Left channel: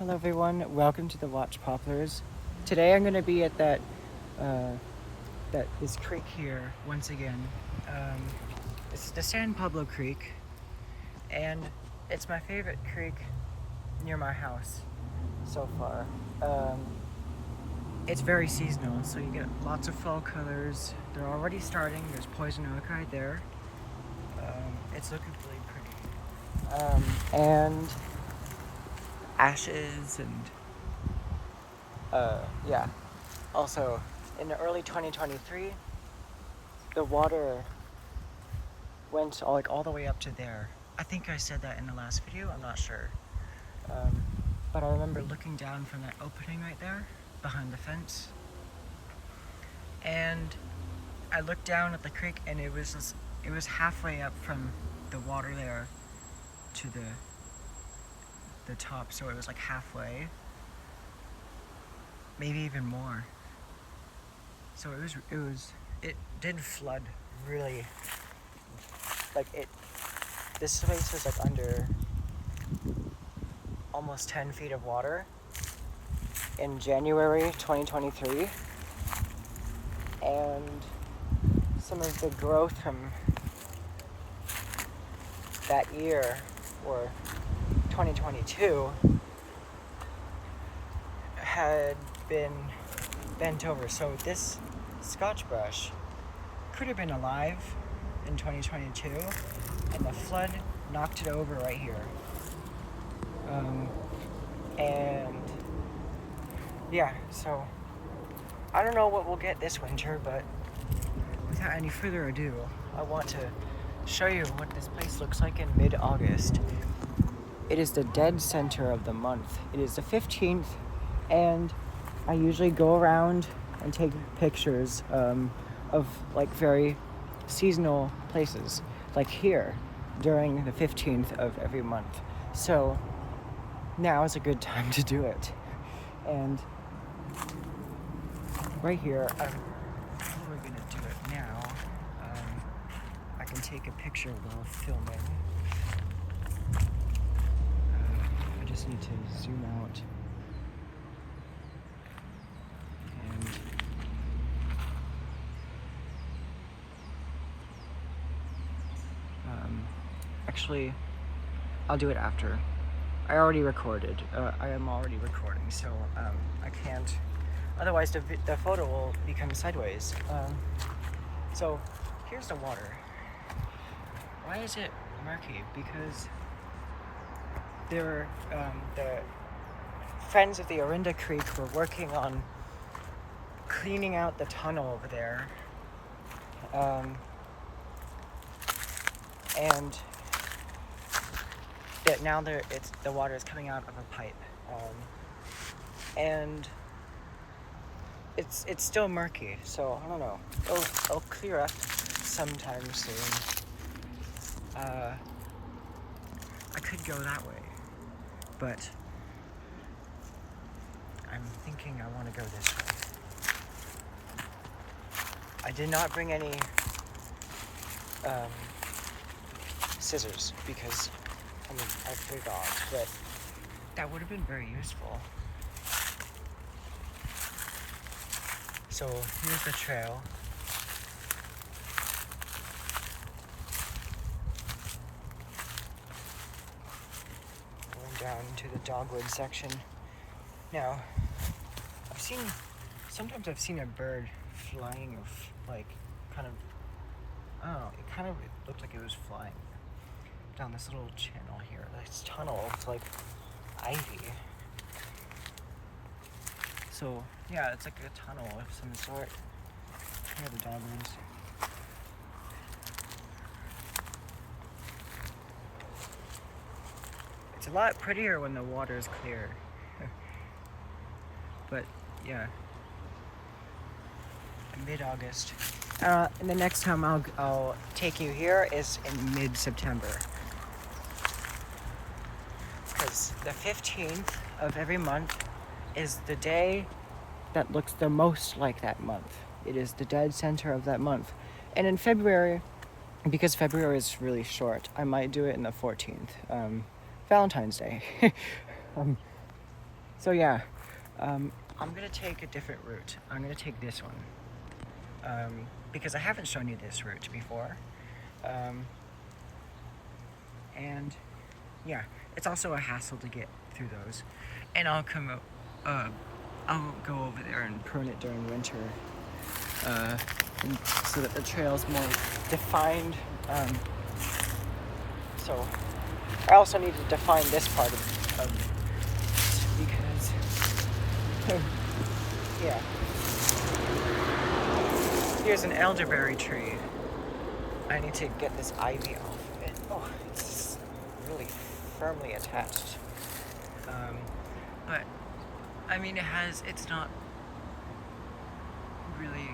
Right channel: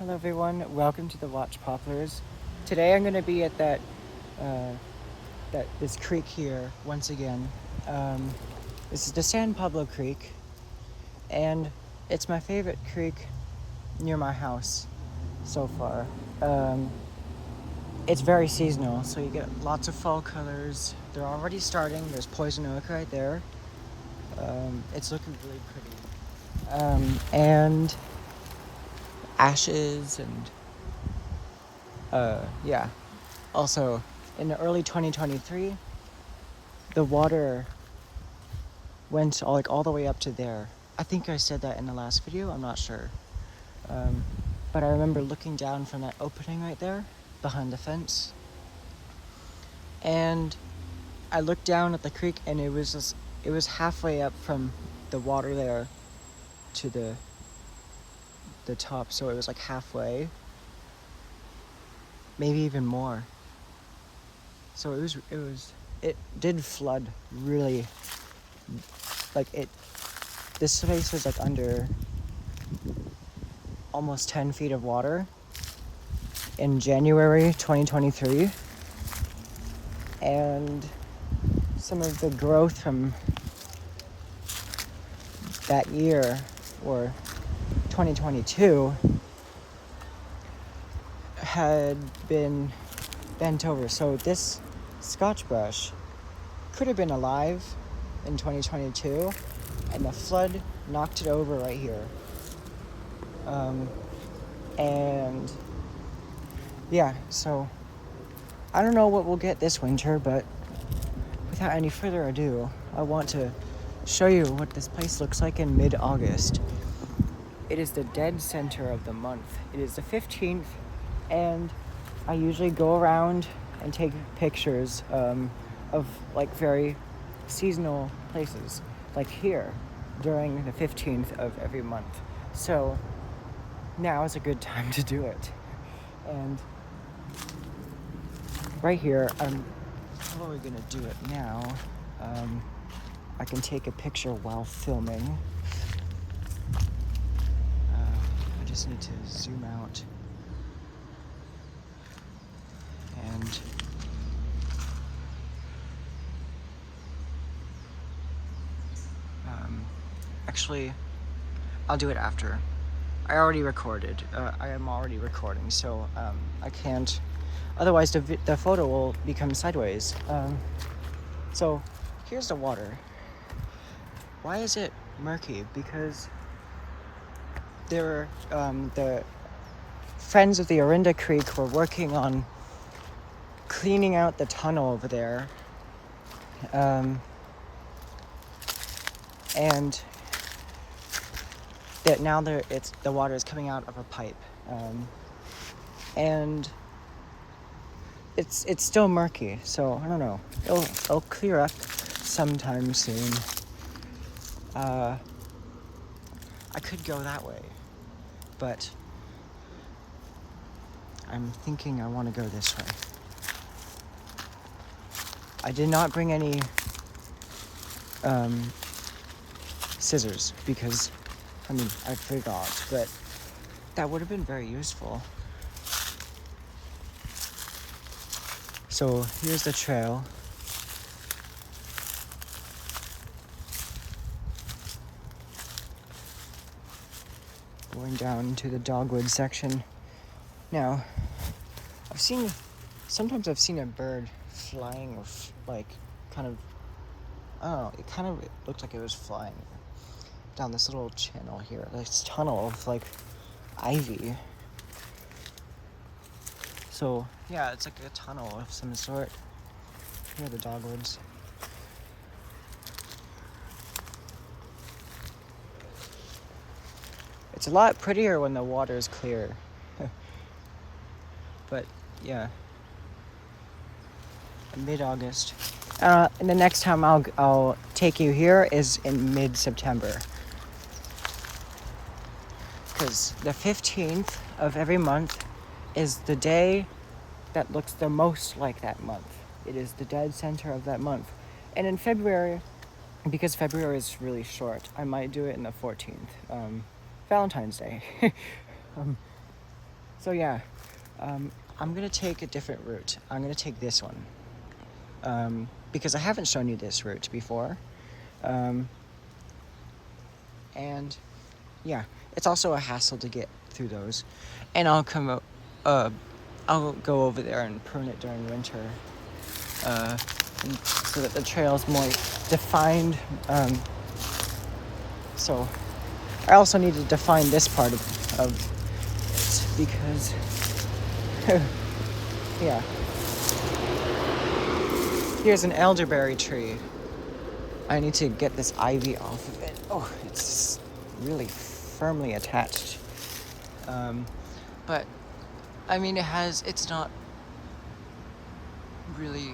Hello everyone, welcome to the Watch Poplars. Today I'm going to be at this creek here once again. This is the San Pablo Creek, and it's my favorite creek near my house so far. It's very seasonal, so you get lots of fall colors. They're already starting. There's poison oak right there. It's looking really pretty. And ashes and yeah. Also, in early 2023, the water went all the way up to there. I think I said that in the last video, I'm not sure. But I remember looking down from that opening right there, behind the fence. And I looked down at the creek and it was halfway up from the water there to the top, so it was like halfway. Maybe even more. So it did flood really, this place was like under almost 10 feet of water in January 2023. And some of the growth from that year, or 2022, had been bent over. So this Scotch brush could have been alive in 2022, and the flood knocked it over right here. And yeah, so I don't know what we'll get this winter, but without any further ado, I want to show you what this place looks like in mid-August. It is the dead center of the month. It is the 15th, and I usually go around and take pictures of like very seasonal places, like here, during the 15th of every month. So now is a good time to do it. And right here, I'm probably gonna do it now. I can take a picture while filming. I just need to zoom out. And actually, I'll do it after. I already recorded. I am already recording, so I can't. Otherwise, the photo will become sideways. So here's the water. Why is it murky? Because the friends of the Orinda Creek were working on cleaning out the tunnel over there. And now the water is coming out of a pipe, and it's still murky. So I don't know. It'll clear up sometime soon. I could go that way, but I'm thinking I want to go this way. I did not bring any scissors because, I forgot, but that would have been very useful. So here's the trail. Going down to the dogwood section. Now, sometimes I've seen a bird flying, or it looked like it was flying down this little channel here, this tunnel of ivy. So yeah, it's like a tunnel of some sort. Here are the dogwoods. It's a lot prettier when the water is clear. But yeah, in mid-August. And the next time I'll take you here is in mid-September. Because the 15th of every month is the day that looks the most like that month. It is the dead center of that month. And in February, because February is really short, I might do it in the 14th. Valentine's Day. So yeah, I'm gonna take a different route. I'm gonna take this one. Because I haven't shown you this route before. And yeah, it's also a hassle to get through those. And I'll I'll go over there and prune it during winter, and so that the trail's more defined. So I also need to define this part of it because, yeah. Here's an elderberry tree. I need to get this ivy off of it. Oh, it's really firmly attached. But I mean, it's not really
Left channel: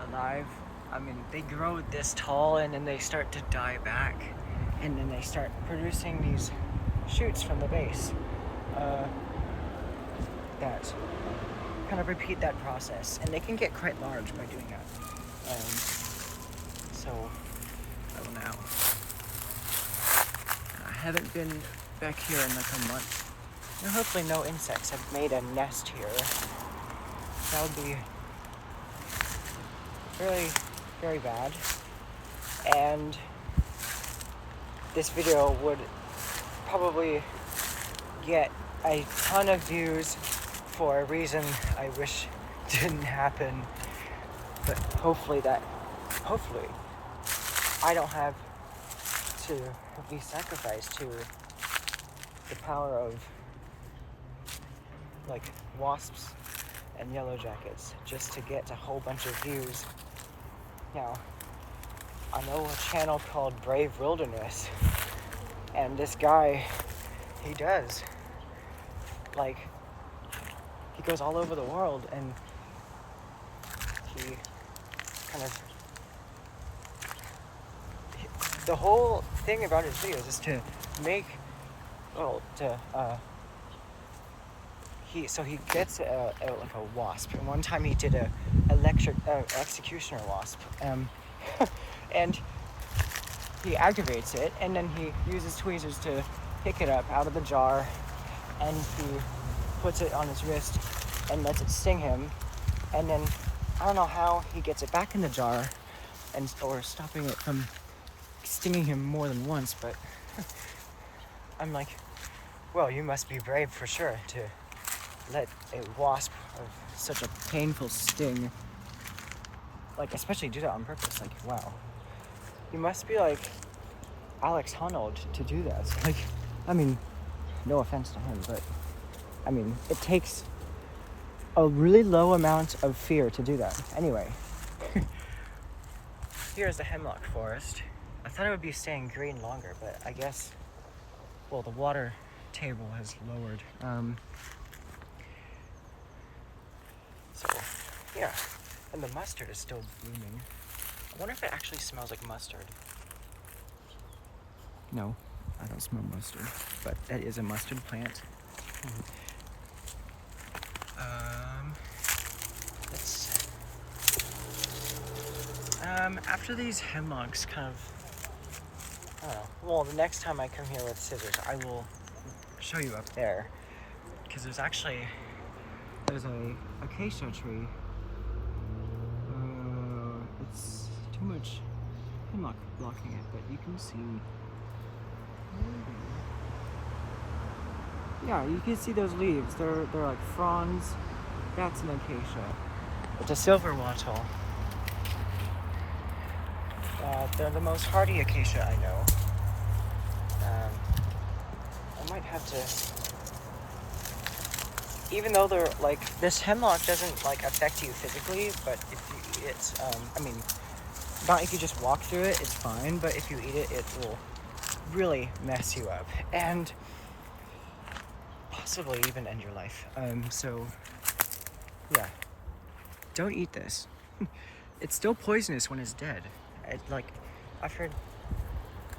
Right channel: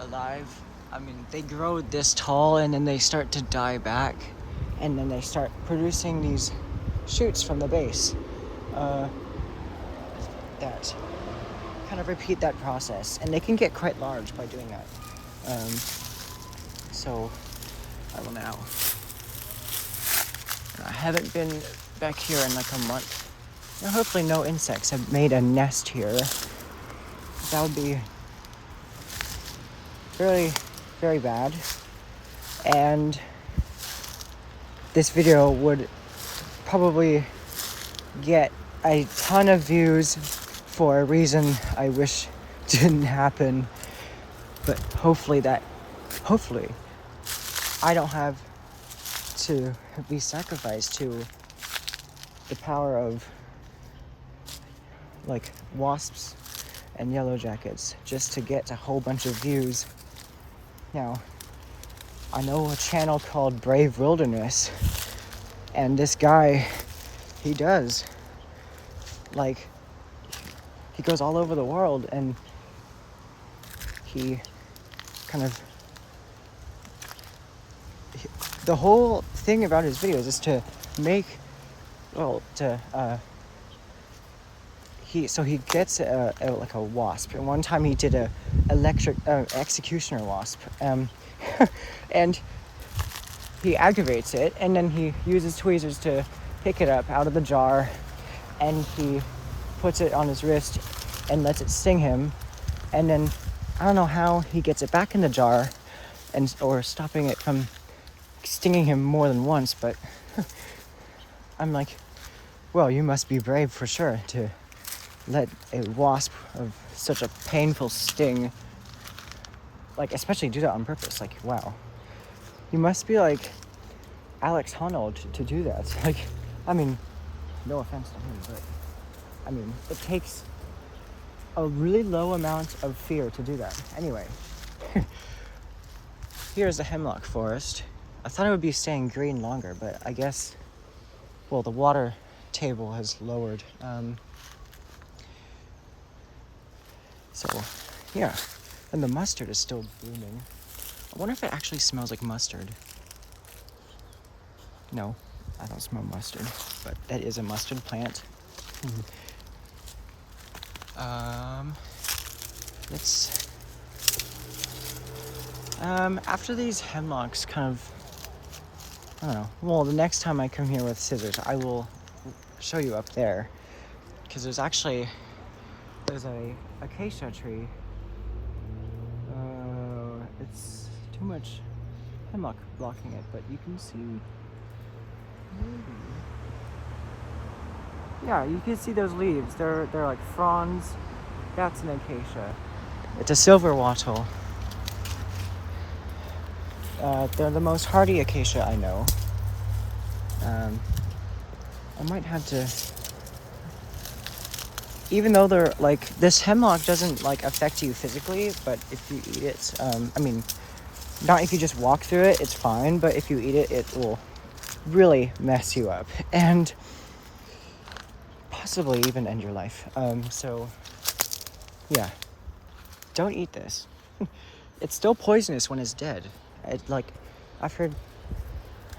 alive. I mean, they grow this tall and then they start to die back, and then they start producing these shoots from the base that kind of repeat that process, and they can get quite large by doing that. So I will now. I haven't been back here in like a month. Now, hopefully no insects have made a nest here. That would be very, very bad. And this video would probably get a ton of views for a reason I wish didn't happen. But hopefully I don't have to be sacrificed to the power of like wasps and yellow jackets just to get a whole bunch of views. Now, I know a channel called Brave Wilderness, and this guy, he does, like, he goes all over the world, and he kind of, the whole thing about his videos is to make, he gets like a wasp, and one time he did a electric executioner wasp, and he aggravates it, and then he uses tweezers to pick it up out of the jar, and he puts it on his wrist and lets it sting him, and then I don't know how he gets it back in the jar or stopping it from stinging him more than once, but I'm like, well, you must be brave for sure to let a wasp of such a painful sting, like, especially do that on purpose. Like, wow, you must be like Alex Honnold to do that. Like, I mean, no offense to him, but I mean, it takes a really low amount of fear to do that. Anyway, here's the hemlock forest. I thought it would be staying green longer, but I guess, well, the water table has lowered. So, yeah. And the mustard is still blooming. I wonder if it actually smells like mustard. No, I don't smell mustard, but that is a mustard plant. After these hemlocks kind of, I don't know, well, the next time I come here with scissors, I will show you up there, because there's a acacia tree. It's too much hemlock blocking it, but you can see, maybe. Yeah, you can see those leaves. They're like fronds. That's an acacia. It's a silver wattle. They're the most hardy acacia I know. I might have to, even though they're like, this hemlock doesn't like affect you physically, but if you eat it, I mean, not if you just walk through it, it's fine, but if you eat it, it will really mess you up and possibly even end your life. So yeah, don't eat this. It's still poisonous when it's dead. I've heard,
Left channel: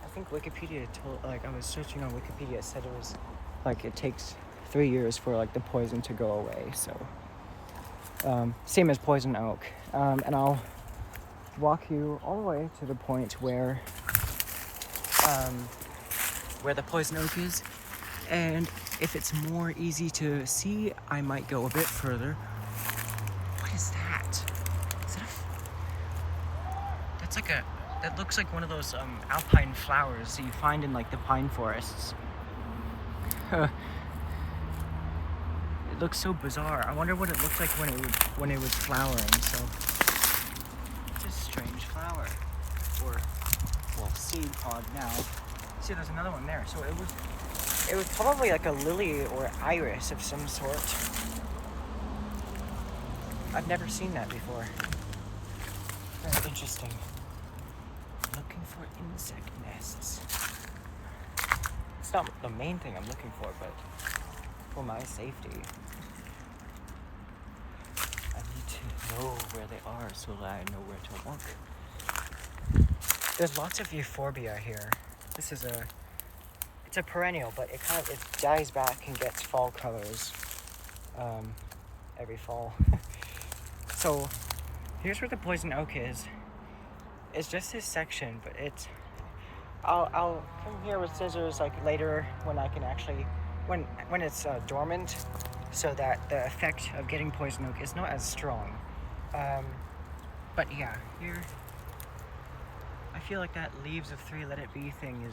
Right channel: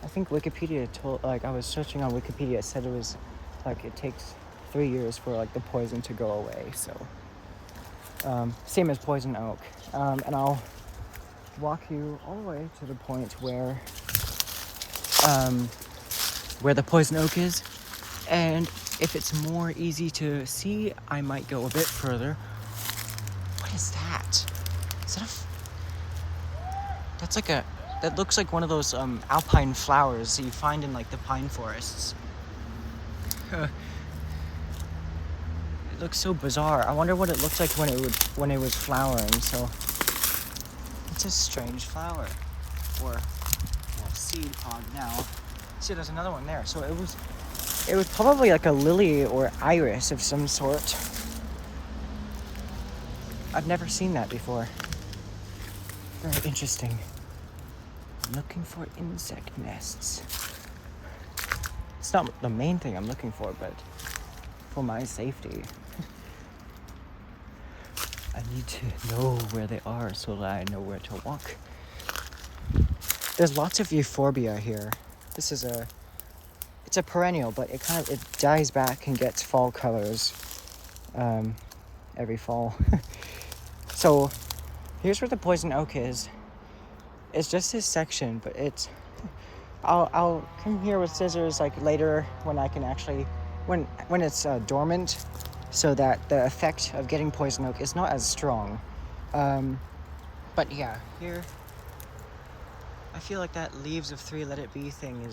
I think Wikipedia told, like, I was searching on Wikipedia, it said it was like, it takes 3 years for like the poison to go away. So same as poison oak. And I'll walk you all the way to the point where the poison oak is, and if it's more easy to see, I might go a bit further. What is that? Is that that's like that looks like one of those alpine flowers that you find in like the pine forests. It looks so bizarre. I wonder what it looked like when it was flowering. So it's a strange flower, or well, seed pod now. See, there's another one there. So it was probably like a lily or iris of some sort. I've never seen that before. Interesting. Looking for insect nests. It's not the main thing I'm looking for, but for my safety. I need to know where they are so that I know where to walk. There's lots of euphorbia here. This is it's a perennial, but it dies back and gets fall colors every fall. So here's where the poison oak is. It's just this section, but I'll come here with scissors like later when I can actually, when it's dormant, so that the effect of getting poison oak is not as strong. But yeah, here, I feel like that leaves of 3 let it be thing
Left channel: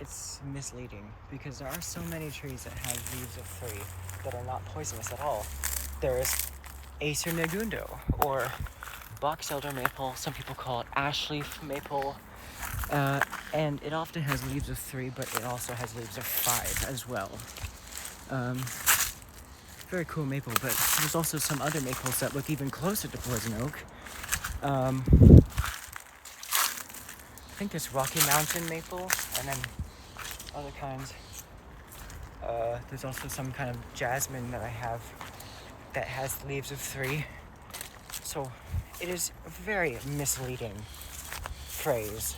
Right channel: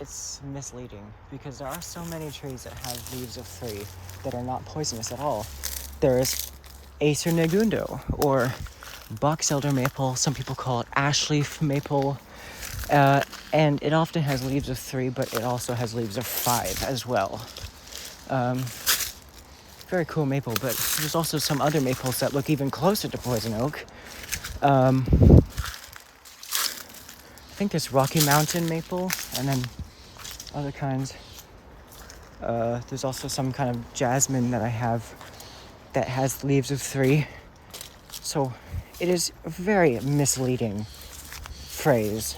it's misleading, because there are so many trees that have leaves of 3 that are not poisonous at all. There's Acer negundo, or box elder maple, some people call it ash leaf maple, and it often has leaves of 3, but it also has leaves of 5 as well. Very cool maple, but there's also some other maples that look even closer to poison oak. I think there's Rocky Mountain maple, and then other kinds. There's also some kind of jasmine that I have that has leaves of 3. So it is a very misleading phrase.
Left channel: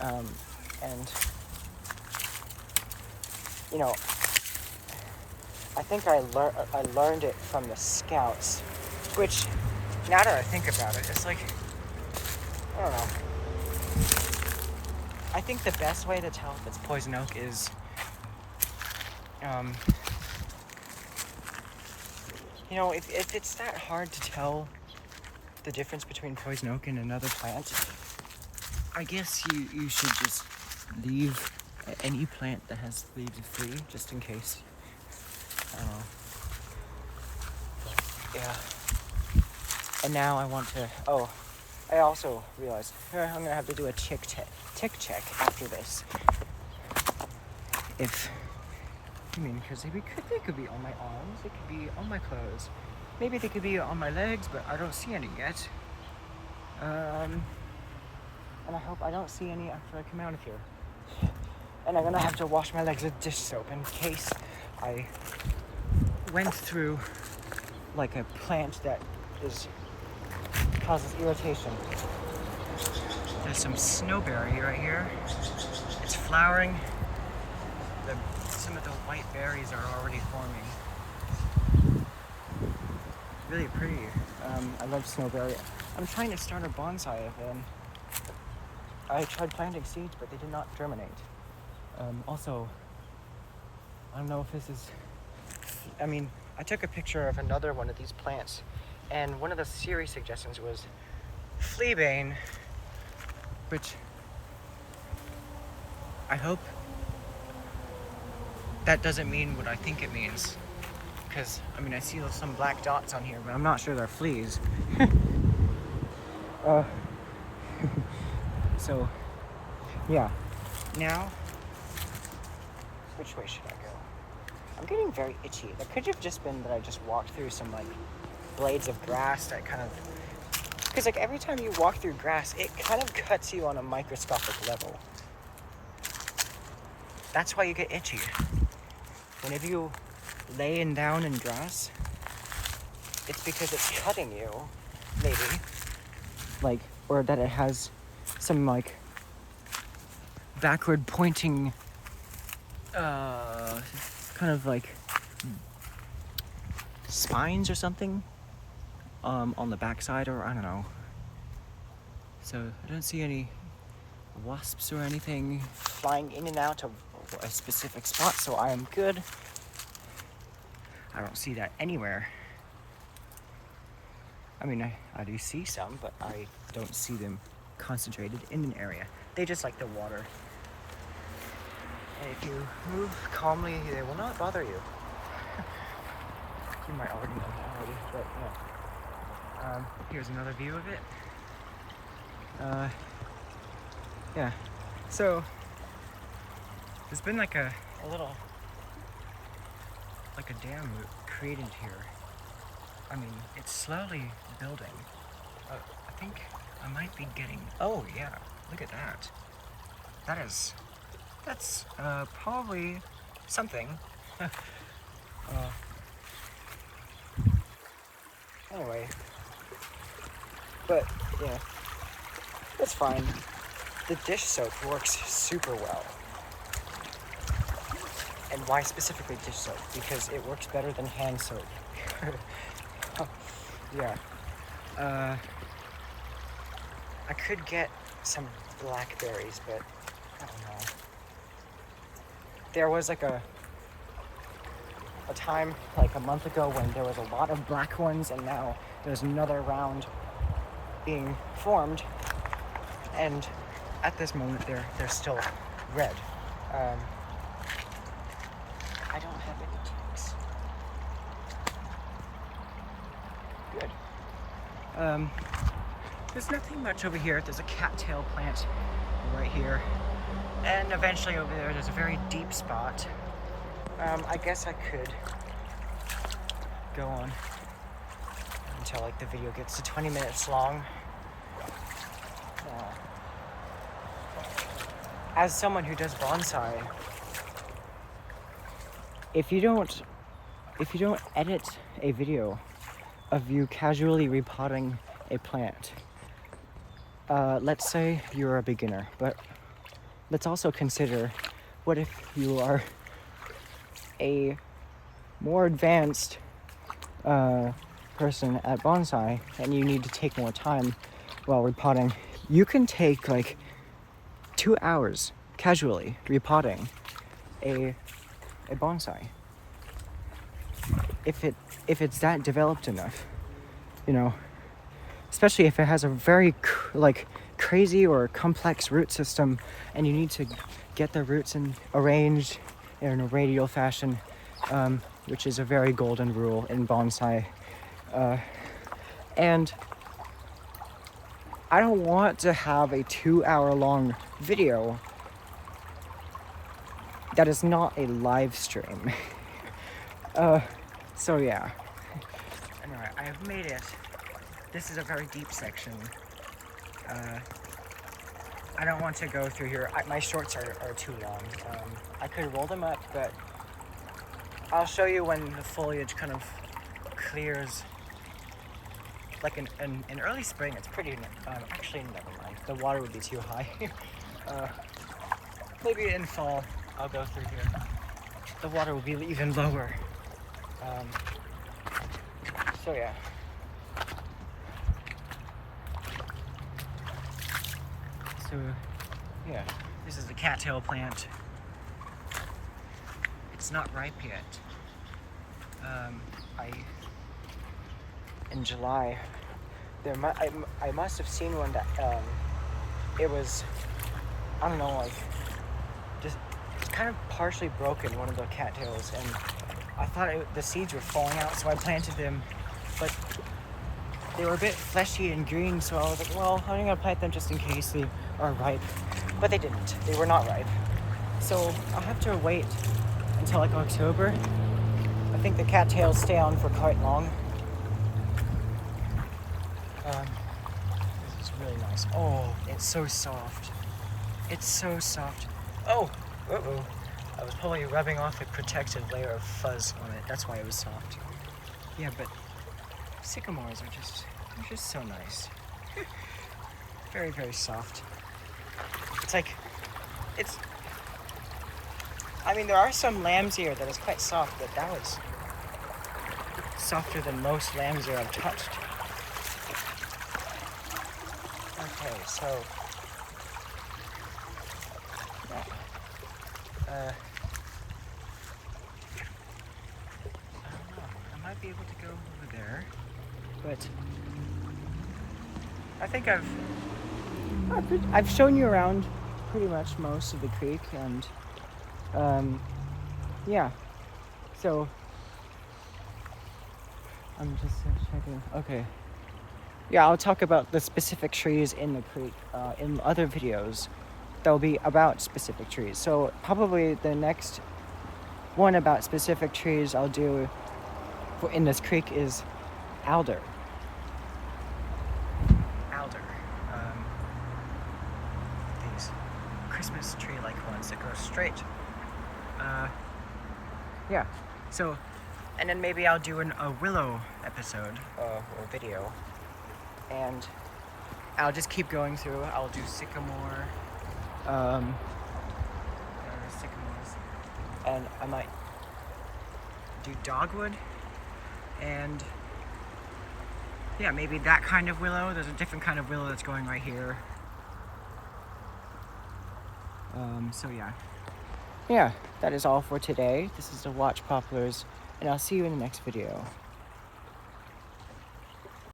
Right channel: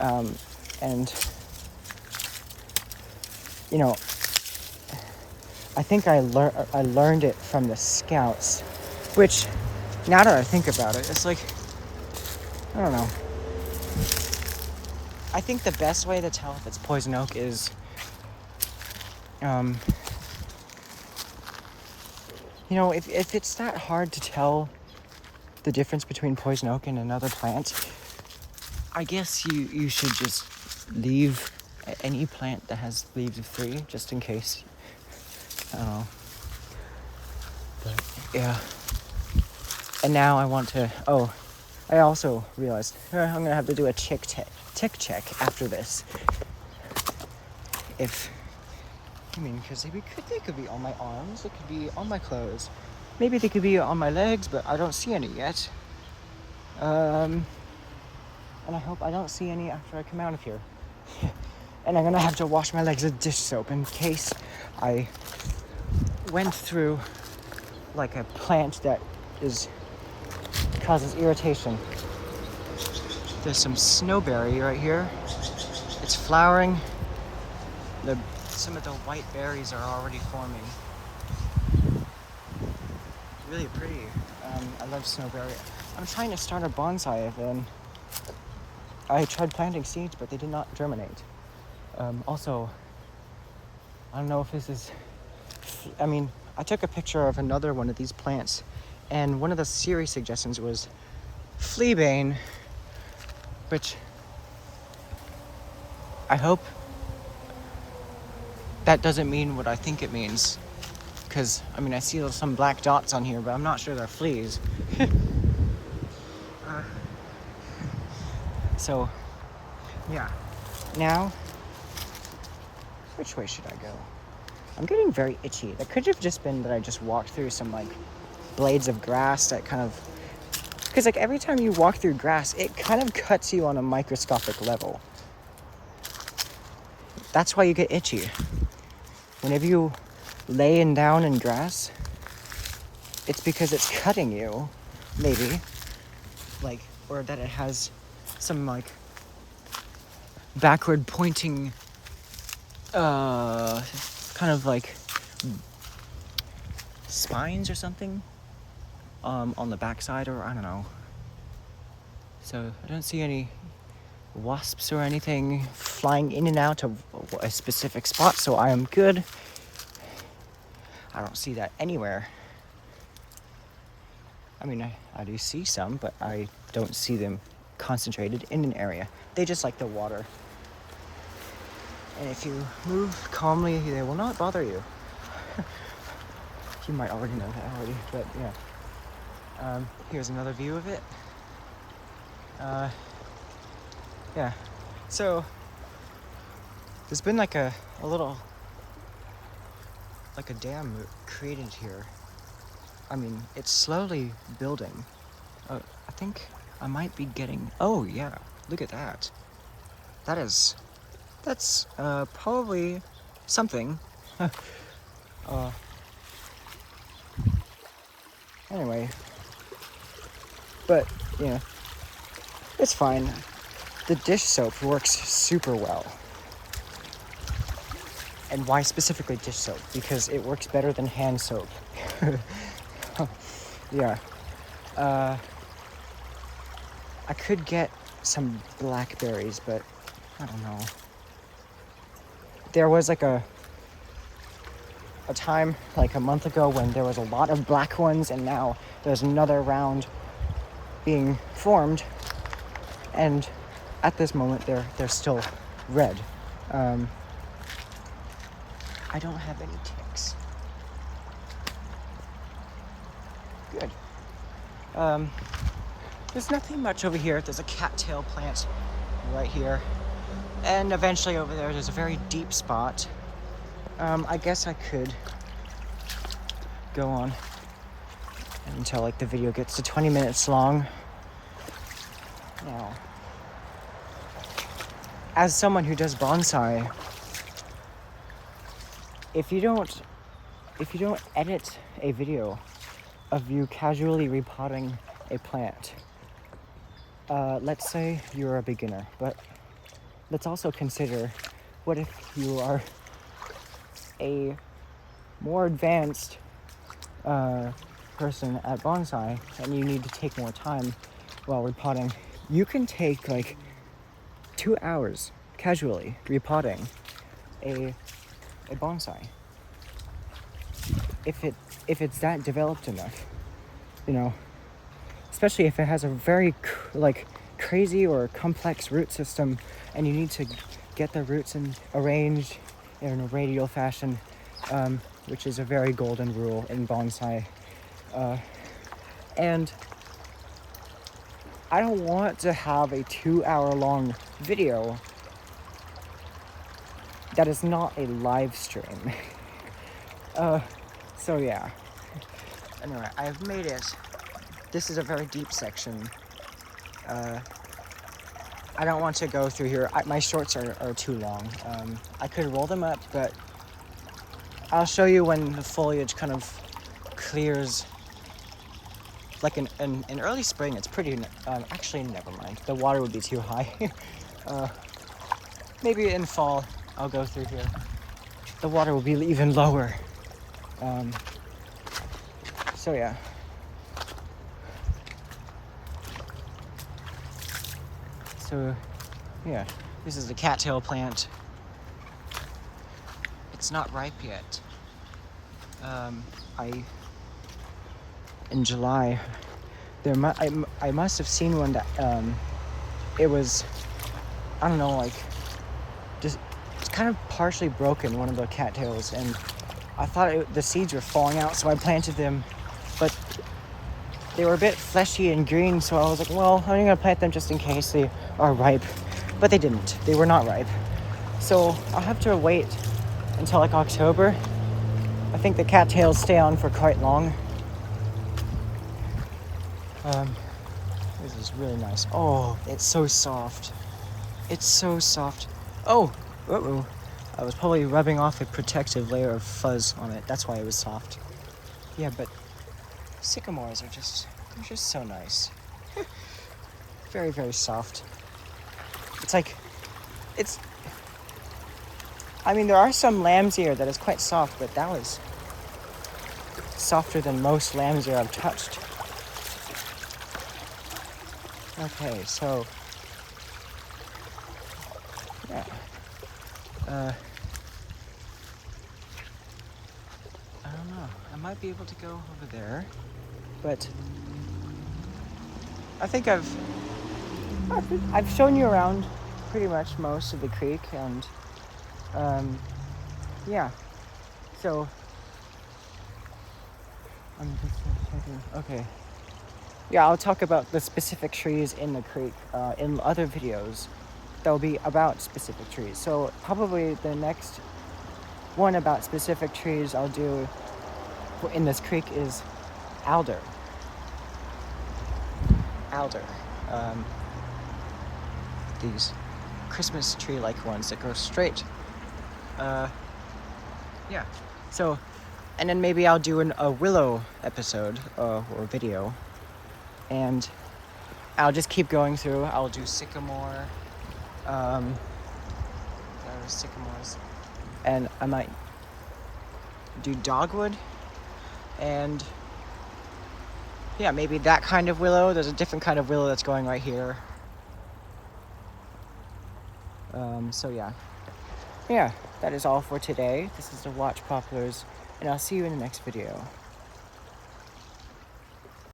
And, you know, I think I learned it from the Scouts, which, now that I think about it, it's like, I don't know. I think the best way to tell if it's poison oak is, you know, if it's that hard to tell the difference between poison oak and another plant, I guess you should just leave any plant that has leaves of 3, just in case. I don't know. But, yeah. And now I want to, I also realized I'm going to have to do a tick check after this. Because they could be on my arms, it could be on my clothes. Maybe they could be on my legs, but I don't see any yet. And I hope I don't see any after I come out of here. And I'm gonna have to wash my legs with dish soap in case I went through like a plant that causes irritation. There's some snowberry right here. It's flowering. Some of the white berries are already forming. Really pretty. I love snowberry. I'm trying to start a bonsai again. I tried planting seeds, but they did not germinate. Also, I don't know if this is... I took a picture of another one of these plants, and one of the Siri suggestions was fleabane, which I hope that doesn't mean what I think it means. Because, I see some black dots on here, but I'm not sure they're fleas. So, yeah. Now, which way should I go? I'm getting very itchy. It could have just been that I just walked through some, blades of grass that kind of... Because, every time you walk through grass, it kind of cuts you on a microscopic level. That's why you get itchy. Whenever you laying down in grass, it's because it's cutting you, maybe. Or that it has some, backward pointing, kind of spines or something, on the backside, or I don't know. So I don't see any wasps or anything flying in and out of a specific spot, so I am good. I don't see that anywhere. I mean, I do see some, but I don't see them concentrated in an area. They just like the water. And if you move calmly, it will not bother you. You might already know that already, but yeah. Here's another view of it. Yeah, so there's been like a little, like a dam created here. I mean, it's slowly building. I think I might be getting, oh yeah, look at that. That's probably something. Anyway, but yeah, it's fine. The dish soap works super well. And why specifically dish soap? Because it works better than hand soap. Yeah. I could get some blackberries, but I don't know. There was like a time like a month ago when there was a lot of black ones, and now there's another round being formed, and at this moment they're still red. I don't have any ticks. Good. There's nothing much over here. There's a cattail plant right here, and eventually over there's a very deep spot. I guess I could go on until like the video gets to 20 minutes long. Yeah. As someone who does bonsai, if you don't edit a video of you casually repotting a plant, let's say you're a beginner, but let's also consider, what if you are a more advanced person at bonsai and you need to take more time while repotting? You can take like 2 hours casually repotting a bonsai if it's that developed enough, you know, especially if it has a very crazy or complex root system and you need to get the roots arranged in a radial fashion, which is a very golden rule in bonsai. And I don't want to have a 2-hour-long video that is not a live stream. So yeah. Anyway, I've made it. This is a very deep section. I don't want to go through here. My shorts are too long. I could roll them up, but I'll show you when the foliage kind of clears. Like in early spring, it's pretty, actually never mind. The water would be too high. Maybe in fall, I'll go through here. The water will be even lower. So yeah. So yeah, this is the cattail plant. It's not ripe yet. In July, I must have seen one that it was, I don't know, like just it's kind of partially broken, one of the cattails, and I thought the seeds were falling out, so I planted them, but they were a bit fleshy and green, so I was like, well, I'm gonna plant them just in case they are ripe, but they didn't. They were not ripe, so I'll have to wait until like October. I think the cattails stay on for quite long. This is really nice. Oh, it's so soft. It's so soft. Oh, uh-oh. I was probably rubbing off a protective layer of fuzz on it. That's why it was soft. Yeah, but sycamores are just so nice. Very, very soft. I mean, there are some lamb's ear that is quite soft, but that was softer than most lamb's ear I've touched. Okay, so might be able to go over there, but I think I've shown you around pretty much most of the creek, and yeah, so I'm just checking. Okay, yeah, I'll talk about the specific trees in the creek in other videos that'll be about specific trees. So probably the next one about specific trees I'll do in this creek is alder. These Christmas tree-like ones that go straight. Yeah, so, and then maybe I'll do a willow episode or video, and I'll just keep going through. I'll do sycamore, sycamores, and I might do dogwood, and yeah, maybe that kind of willow. There's a different kind of willow that's going right here. So yeah, that is all for today. This is the Watch Poplars, and I'll see you in the next video.